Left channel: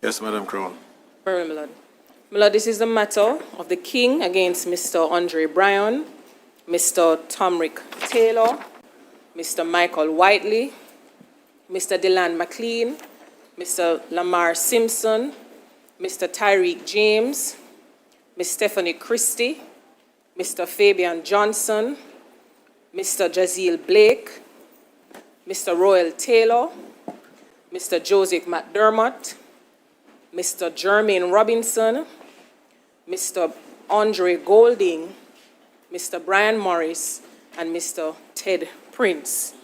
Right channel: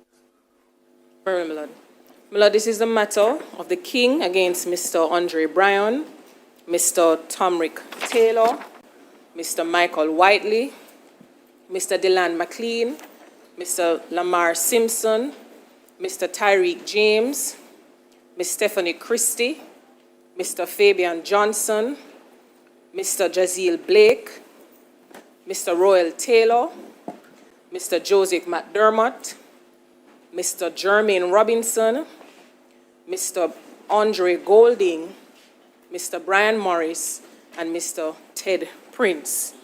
Yes, Madam Crown. Very well, my lord. My lord, this is the matter of the King against Mr. Andre Bryan, Mr. Tomrick Taylor, Mr. Michael Whiteley, Mr. Deland McLean, Mr. Lamar Simpson, Mr. Tyreek James, Ms. Stephanie Christie, Mr. Fabian Johnson, Mr. Jazeel Blake, Mr. Royal Taylor, Mr. Joseph McDermott, Mr. Jermaine Robinson, Mr. Andre Golding, Mr. Brian Morris, and Mr. Ted Prince.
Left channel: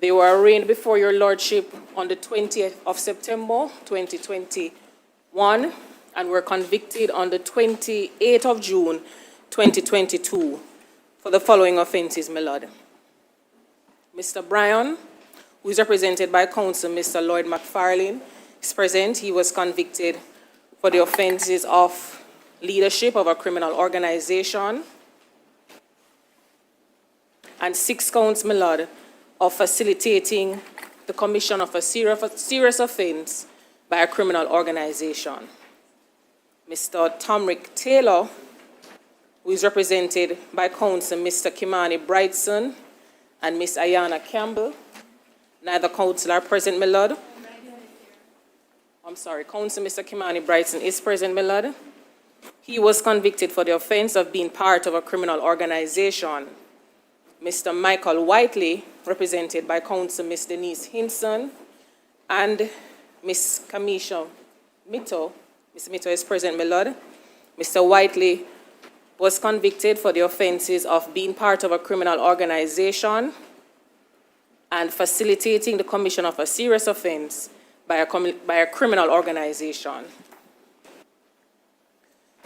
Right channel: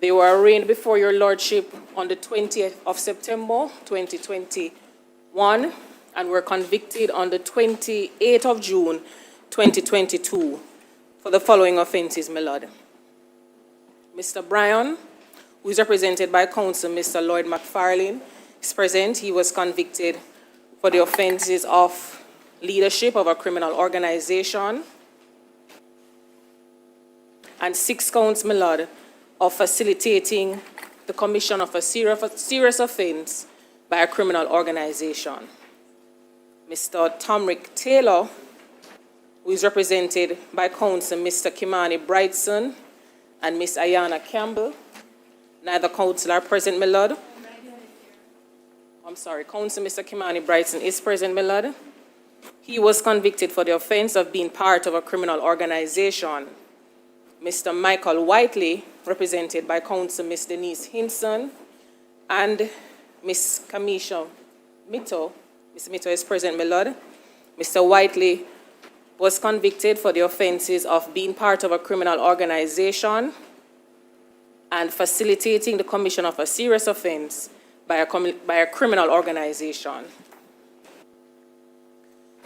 They were arraigned before your lordship on the 20th of September, 2021, and were convicted on the 28th of June, 2022, for the following offenses, my lord. Mr. Bryan, who is represented by counsel Mr. Lloyd McFarlane, is present. He was convicted for the offenses of leadership of a criminal organization and 6 counts, my lord, of facilitating the commission of a serious offense by a criminal organization. Mr. Tomrick Taylor, who is represented by counsel Mr. Kimani Brightson and Miss Ayana Campbell. Neither counsel are present, my lord. I'm sorry, counsel Mr. Kimani Brightson is present, my lord. He was convicted for the offense of being part of a criminal organization. Mr. Michael Whiteley, represented by counsel Miss Denise Hinson and Miss Kamisha Mito. Miss Mito is present, my lord. Mr. Whiteley was convicted for the offenses of being part of a criminal organization and facilitating the commission of a serious offense by a criminal organization.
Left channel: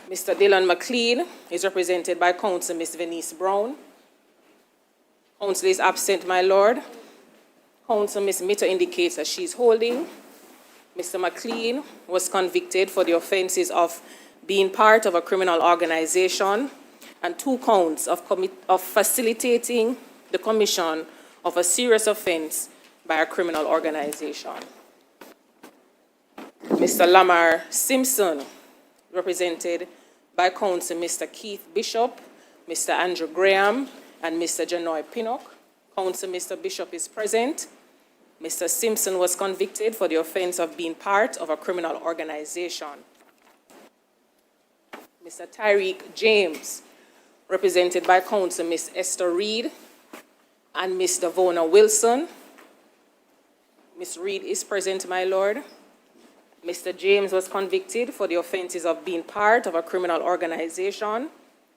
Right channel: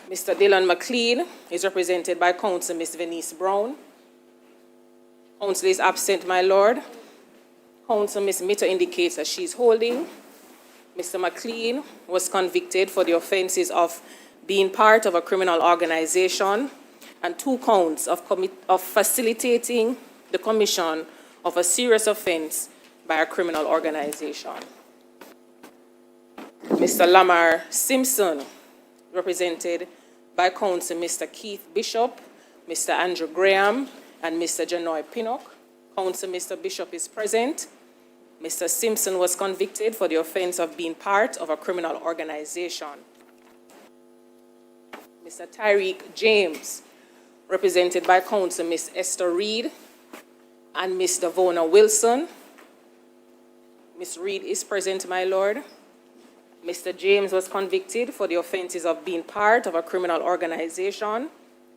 Mr. Dylan McLean is represented by counsel Miss Venice Brown. Counsel is absent, my lord. Counsel Miss Mito indicates that she's holding. Mr. McLean was convicted for the offenses of being part of a criminal organization and 2 counts of facilitating the commission of a serious offense by a criminal organization. Mr. Lamar Simpson, represented by counsel Mr. Keith Bishop, Mr. Andrew Graham, and Mr. Janoy Pinnock. Counsel Mr. Bishop is present. Mr. Simpson was convicted for the offense of being part of a criminal organization. Mr. Tyreek James, represented by counsel Miss Esther Reed and Ms. Davona Wilson. Ms. Reed is present, my lord. Mr. James was convicted for the offenses of being part of a criminal organization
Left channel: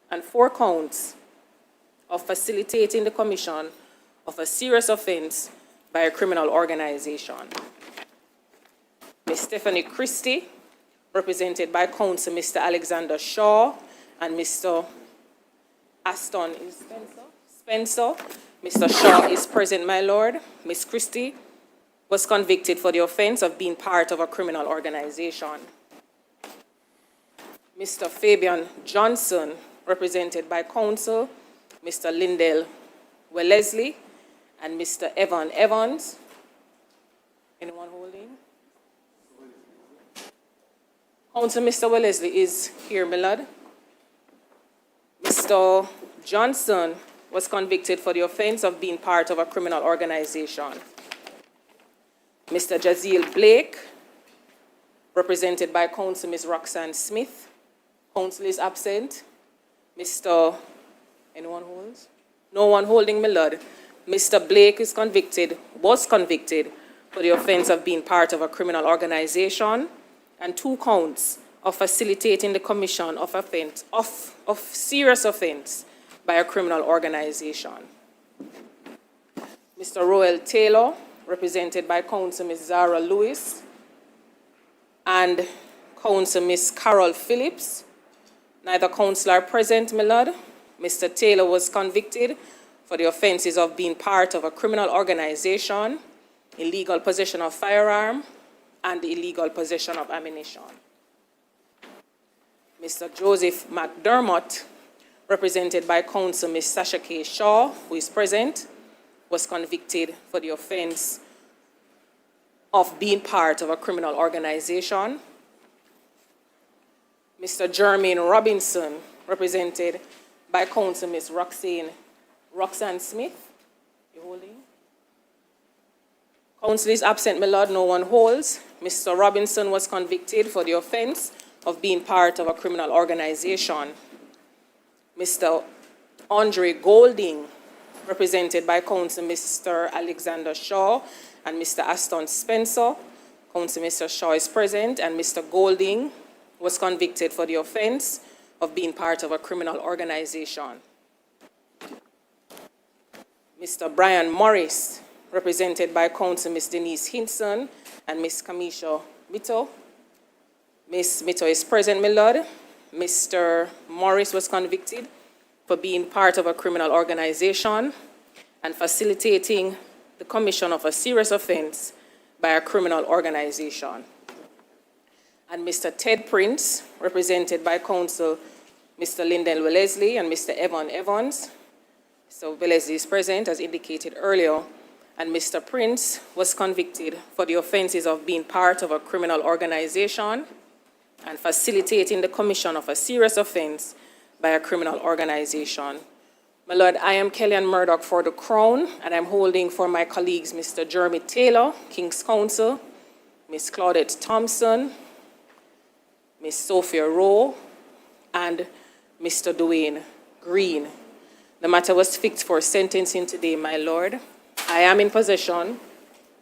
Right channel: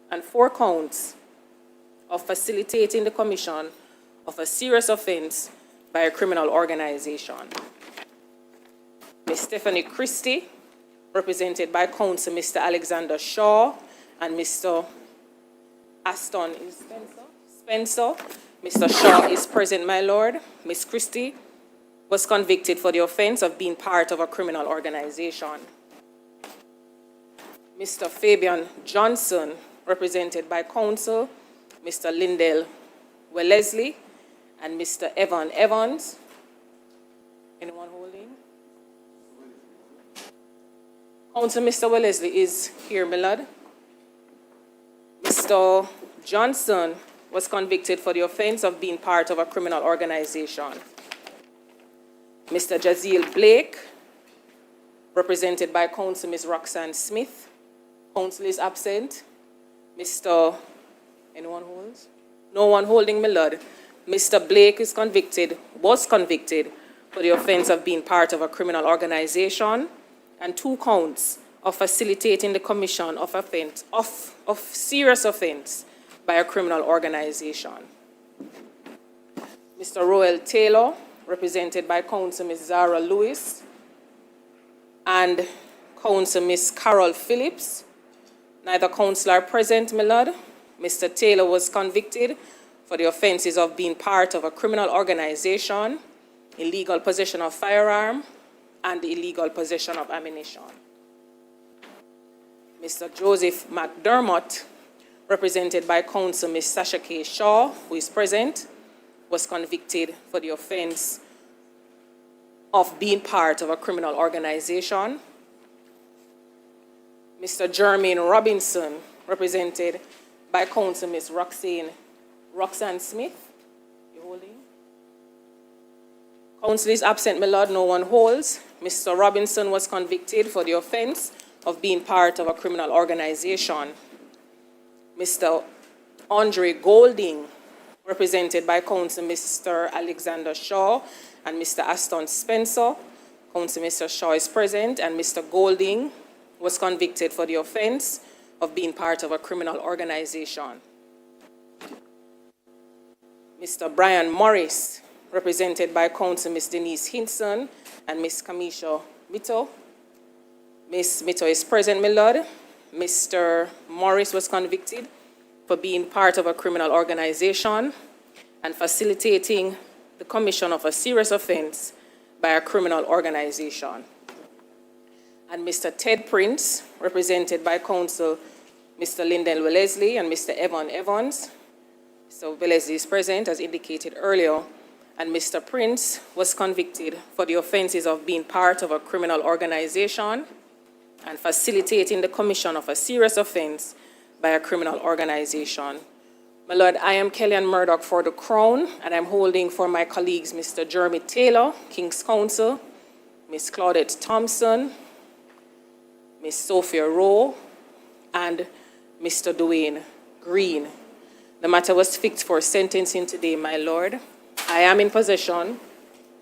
and 4 counts of facilitating the commission of a serious offense by a criminal organization. Ms. Stephanie Christie, represented by counsel Mr. Alexander Shaw and Mr. Aston Spencer. Mr. Shaw is present, my lord. Ms. Christie was convicted for the offense of being part of a criminal organization. Mr. Fabian Johnson, represented by counsel Mr. Lindell Wellesley and Mr. Evan Evans. Anyone holding? Counsel Mr. Wellesley is here, my lord. Mr. Johnson was convicted for the offense of being part of a criminal organization. Mr. Jazeel Blake, represented by counsel Ms. Roxanne Smith. Counsel is absent. Mr. Anyone holds? No one holding, my lord. Mr. Blake was convicted for the offense of being part of a criminal organization and 2 counts of facilitating the commission of serious offense by a criminal organization. Mr. Royal Taylor, represented by counsel Ms. Zara Lewis and counsel Ms. Carol Phillips. Neither counsel are present, my lord. Mr. Taylor was convicted for the offenses of being part of a criminal organization, illegal possession of firearm, and illegal possession of ammunition. Mr. Joseph McDermott, represented by counsel Ms. Sasha K. Shaw, who is present, was convicted for the offense of being part of a criminal organization Mr. Jermaine Robinson, represented by Counsel Ms. Roxanne Smith. You holding? Counsel is absent, my lord. No one holds. Mr. Robinson was convicted for the offense of being part of a criminal organization. Mr. Andre Golding, represented by Counsel Mr. Alexander Shaw and Mr. Aston Spencer. Counsel Mr. Shaw is present, and Mr. Golding was convicted for the offense of being part of a criminal organization. Mr. Brian Morris, represented by Counsel Ms. Denise Hinson and Ms. Kamisha Mito. Ms. Mito is present, my lord. Mr. Morris was convicted for being part of a criminal organization and facilitating the commission of a serious offense by a criminal organization. And Mr. Ted Prince, represented by Counsel Mr. Lyndon Wellesley and Mr. Evan Evans. Mr. Wellesley is present, as indicated earlier, and Mr. Prince was convicted for the offenses of being part of a criminal organization and facilitating the commission of a serious offense by a criminal organization. My lord, I am Kellyanne Murdoch for the Crown, and I'm holding for my colleagues Mr. Jeremy Taylor, King's Counsel, Ms. Claudette Thompson, Ms. Sophia Rowe, and Mr. Dwayne Green. The matter was fixed for sentencing today, my lord. I am in possession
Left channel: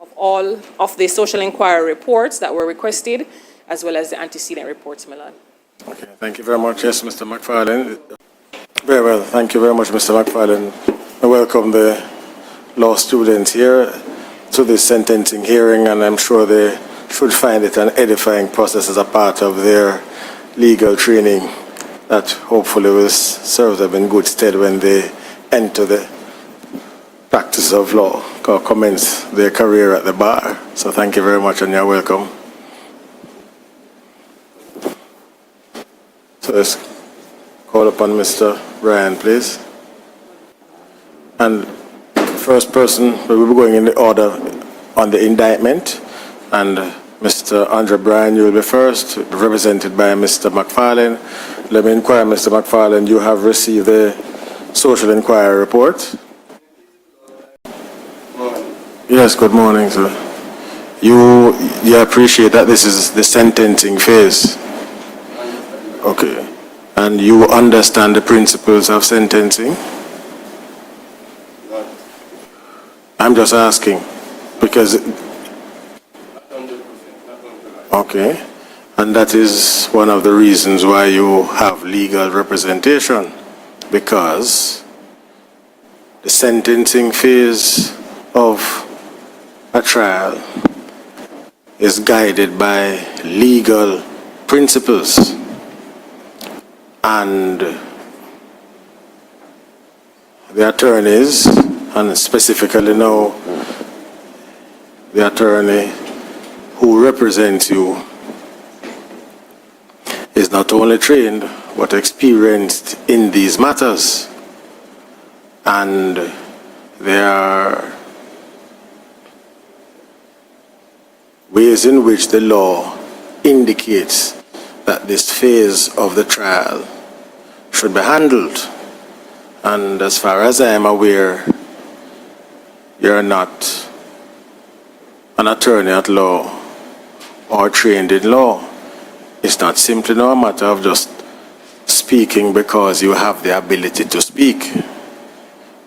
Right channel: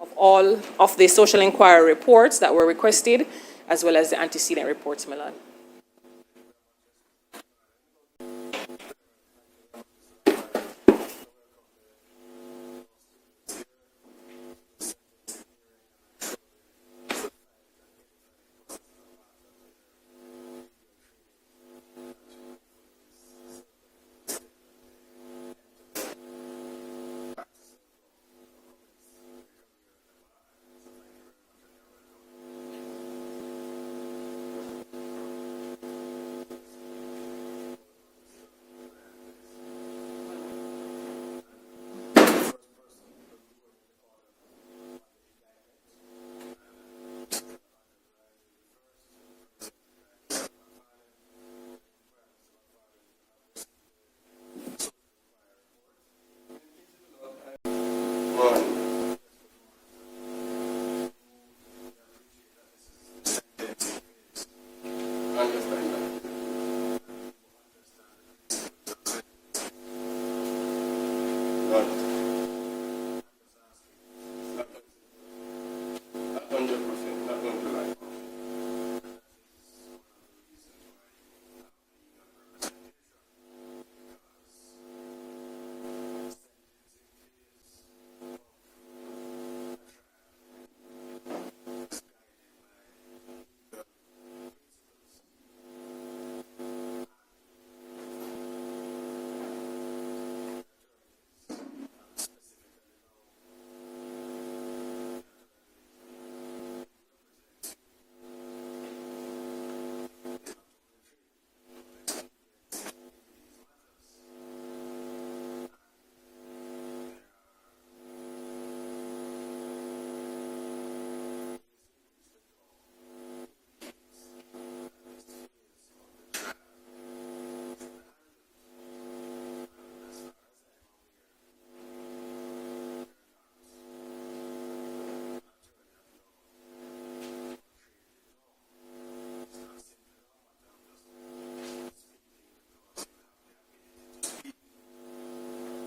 of all of the social inquiry reports that were requested, as well as the antecedent reports, my lord. Okay, thank you very much. Yes, Mr. McFarlane. Very well, thank you very much, Mr. McFarlane. I welcome the law students here to this sentencing hearing, and I'm sure they should find it an edifying process as a part of their legal training that hopefully will serve them in good stead when they enter the practice of law or commence their career at the bar. So thank you very much, and you're welcome. So let's call upon Mr. Bryan, please. And the first person, we will be going in the order on the indictment. And Mr. Andre Bryan, you will be first, represented by Mr. McFarlane. Let me inquire, Mr. McFarlane, you have received the social inquiry report? Yes, good morning, sir. You appreciate that this is the sentencing phase? Okay. And you understand the principles of sentencing? I'm just asking, because... Okay. And that is one of the reasons why you have legal representation, because the sentencing phase of a trial is guided by legal principles. And the attorneys, and specifically now the attorney who represents you, is not only trained but experienced in these matters. And there are ways in which the law indicates that this phase of the trial should be handled. And as far as I am aware, you're not an attorney at law or trained in law. It's not simply no matter of just speaking because you have the ability to speak,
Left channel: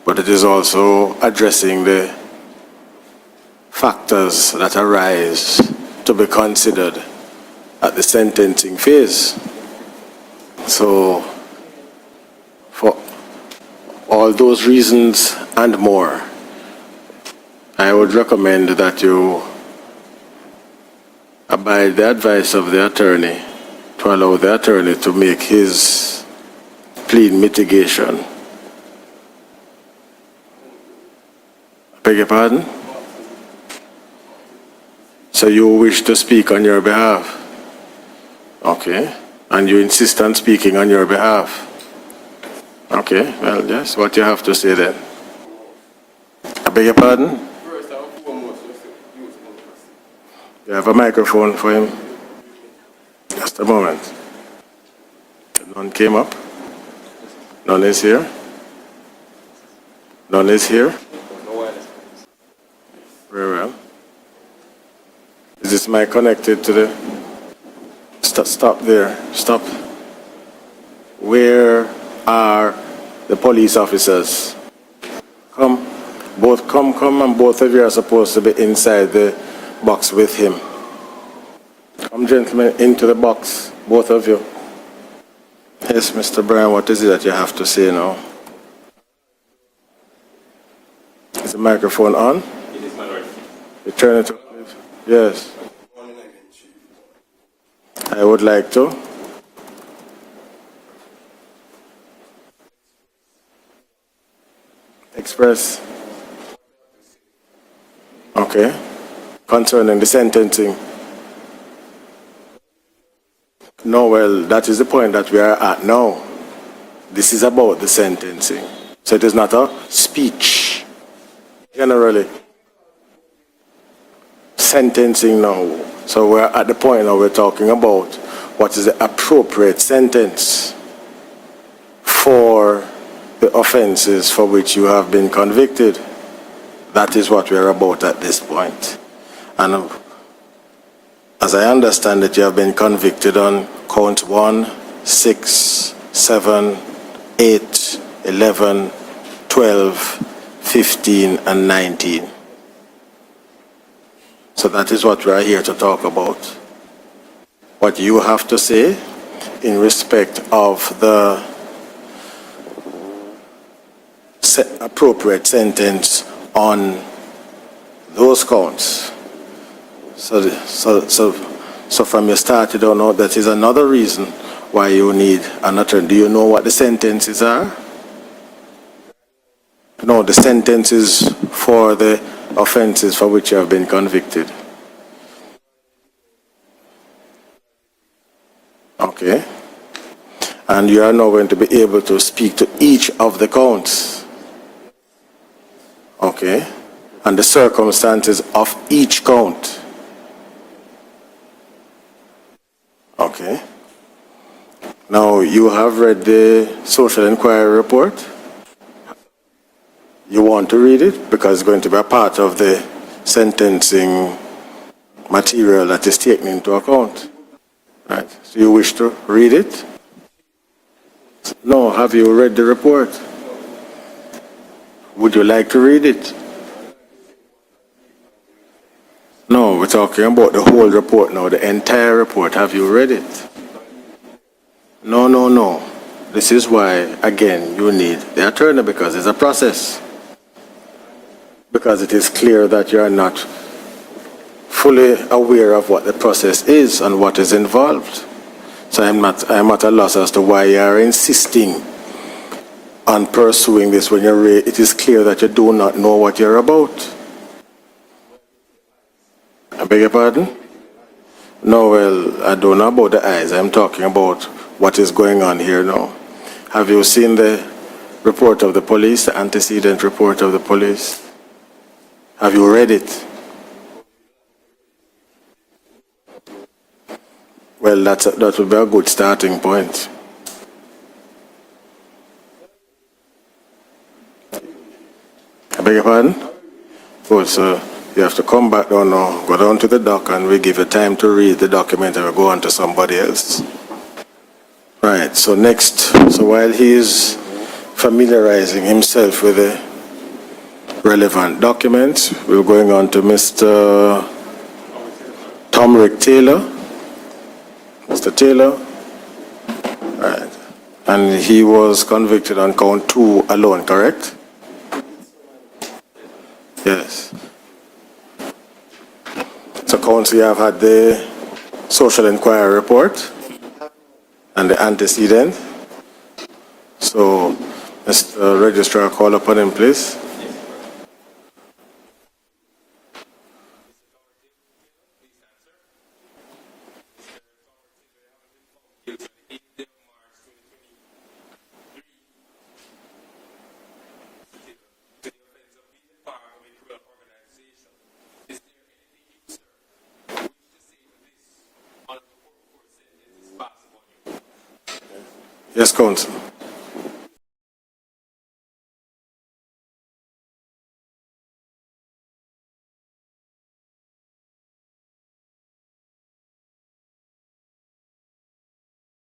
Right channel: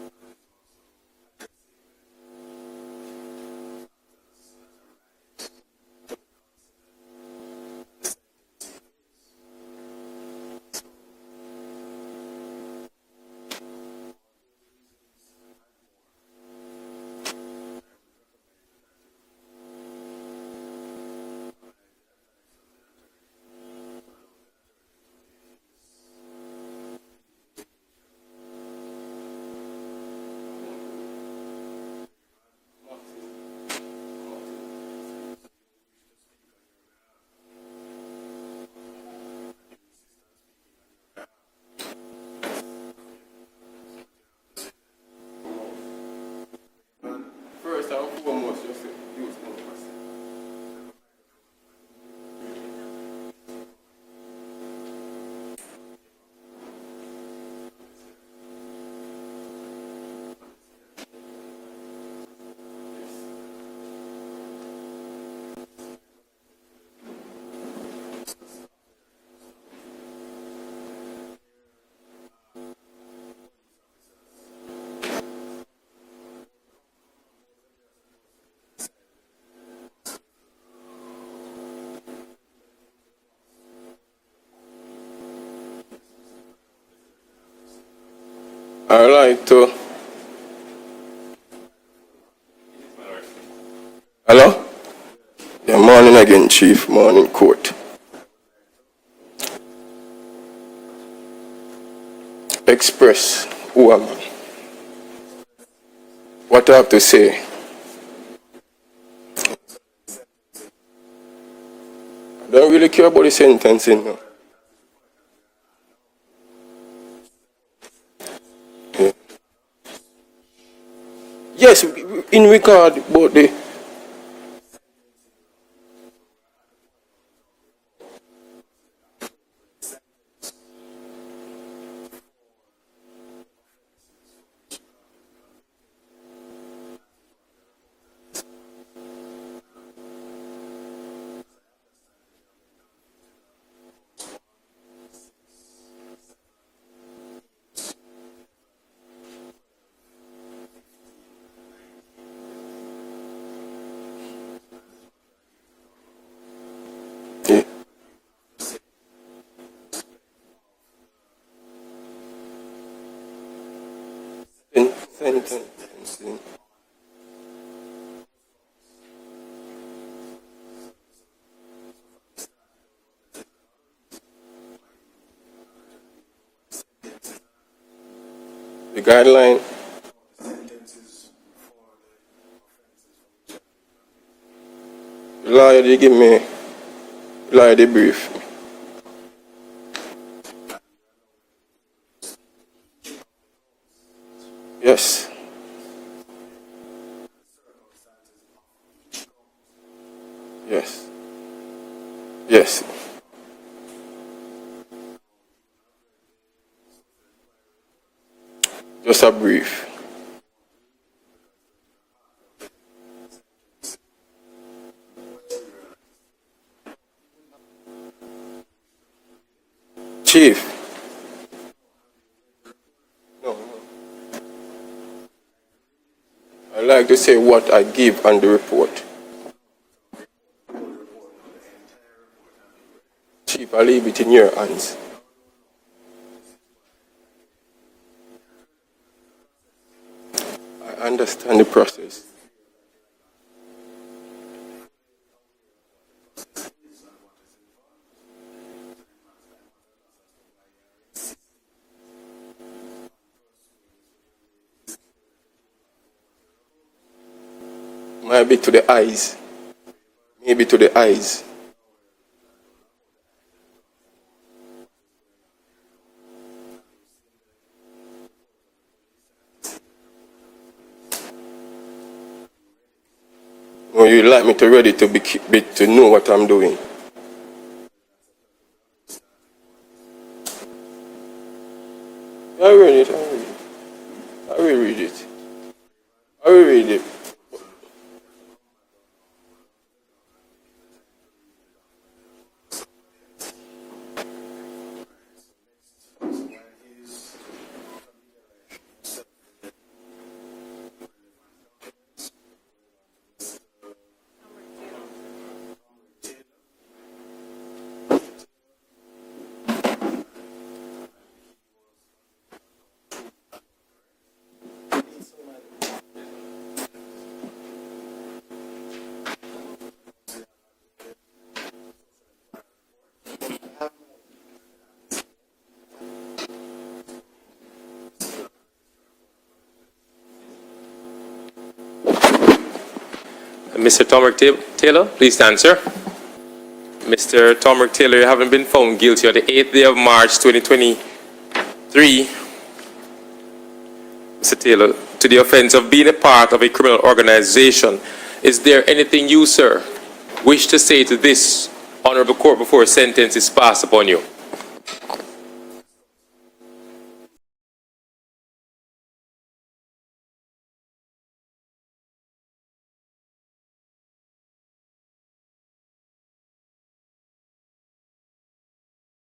but it is also addressing the factors that arise to be considered at the sentencing phase. So, for all those reasons and more, I would recommend that you abide the advice of the attorney to allow the attorney to make his plea mitigation. Beg your pardon? So you wish to speak on your behalf? Okay. And you insist on speaking on your behalf? Okay, well, yes, what you have to say then. I beg your pardon? First and foremost, just use You have a microphone for him? Just a moment. None came up. None is here. None is here. Very well. Is this mic connected to the... Stop there. Stop. Where are the police officers? Come. Come, and both of you are supposed to be inside the box with him. Come, gentlemen, into the box, both of you. Yes, Mr. Bryan, what is it that you have to say now? I would like to... Is the microphone on? It is not right. You turn it Hello? on. Yes. Yeah, morning again, Chief. Morning, court. I would like to. Express who am I? Express. What I have to say. Okay. Concerning the sentencing. I don't really care about the sentencing. No, well, that is the point that we are at now. This is about the sentencing. Yeah. So it is not a speech. Yes, Generally. in regard about the... Sentencing now. So we're at the point now we're talking about what is the appropriate sentence for the offenses for which you have been convicted. That is what we're about at this point. And as I understand it, you have been convicted on counts 1, 6, 7, 8, 11, 12, 15, and 19. So that is what we are here to talk about. Yeah. What you have to say in respect of the appropriate sentence on those counts. So from your start, you don't know, that is another reason why you need an attorney. Do you know what the sentences are? The guideline? No, the sentences for the offenses for which you have been convicted. Lawyer, they give me... Lawyer, they brief. Okay. And you are now going to be able to speak to each of the counts. Yes. Okay. And the circumstances of each count. Yes. Yes. Okay. Now, you have read the social inquiry report? Just a brief. You want to read it? Because it's going to be a part of the sentencing material that is taken into account. Right. So you wish to read it? Chief. No. Have you read the report? No. Would you like to read it? I'd like to say what I give on the report. No, we're talking about the whole report now, the entire report. Have you read it? Chief, I leave it in your hands. No. This is why, again, you need the attorney, because it's a process. I understand the process. Because it is clear that you are not fully aware of what the process is and what is involved. So I'm at a loss as to why you are insisting on pursuing this when it is clear that you do not know what you're about. Maybe to the eyes. I beg your pardon? Maybe to the eyes. No, well, I don't know about the eyes. I'm talking about what is going on here now. Have you seen the report of the police, the antecedent report of the police? Have you read it? Well, you'd like me to read it to know what I'm doing. Well, that would be a good starting point. I read it. I will read it. I beg your pardon? I will read it. Good, so you have to come back down now, go down to the dock, and we give you time to read the document and we'll go on to somebody else. Right, so next, so while he is familiarizing himself with the relevant documents, we're going on to Mr. Tomrick Taylor. Mr. Taylor. Right. And he was convicted on count 2 alone, correct? Yes. So, counsel, you have had the social inquiry report and the antecedent. So, Mr. Registrar, call upon him, please. Mr. Tomrick Taylor, please stand, sir. Mr. Tomrick Taylor, you haven't been found guilty on the 8th day of March 2023, Mr. Taylor, to the offense of being a part of a criminal organization. Is there anything you, sir, wish to say to this honorable court before a sentence is passed upon you? Yes, Counsel.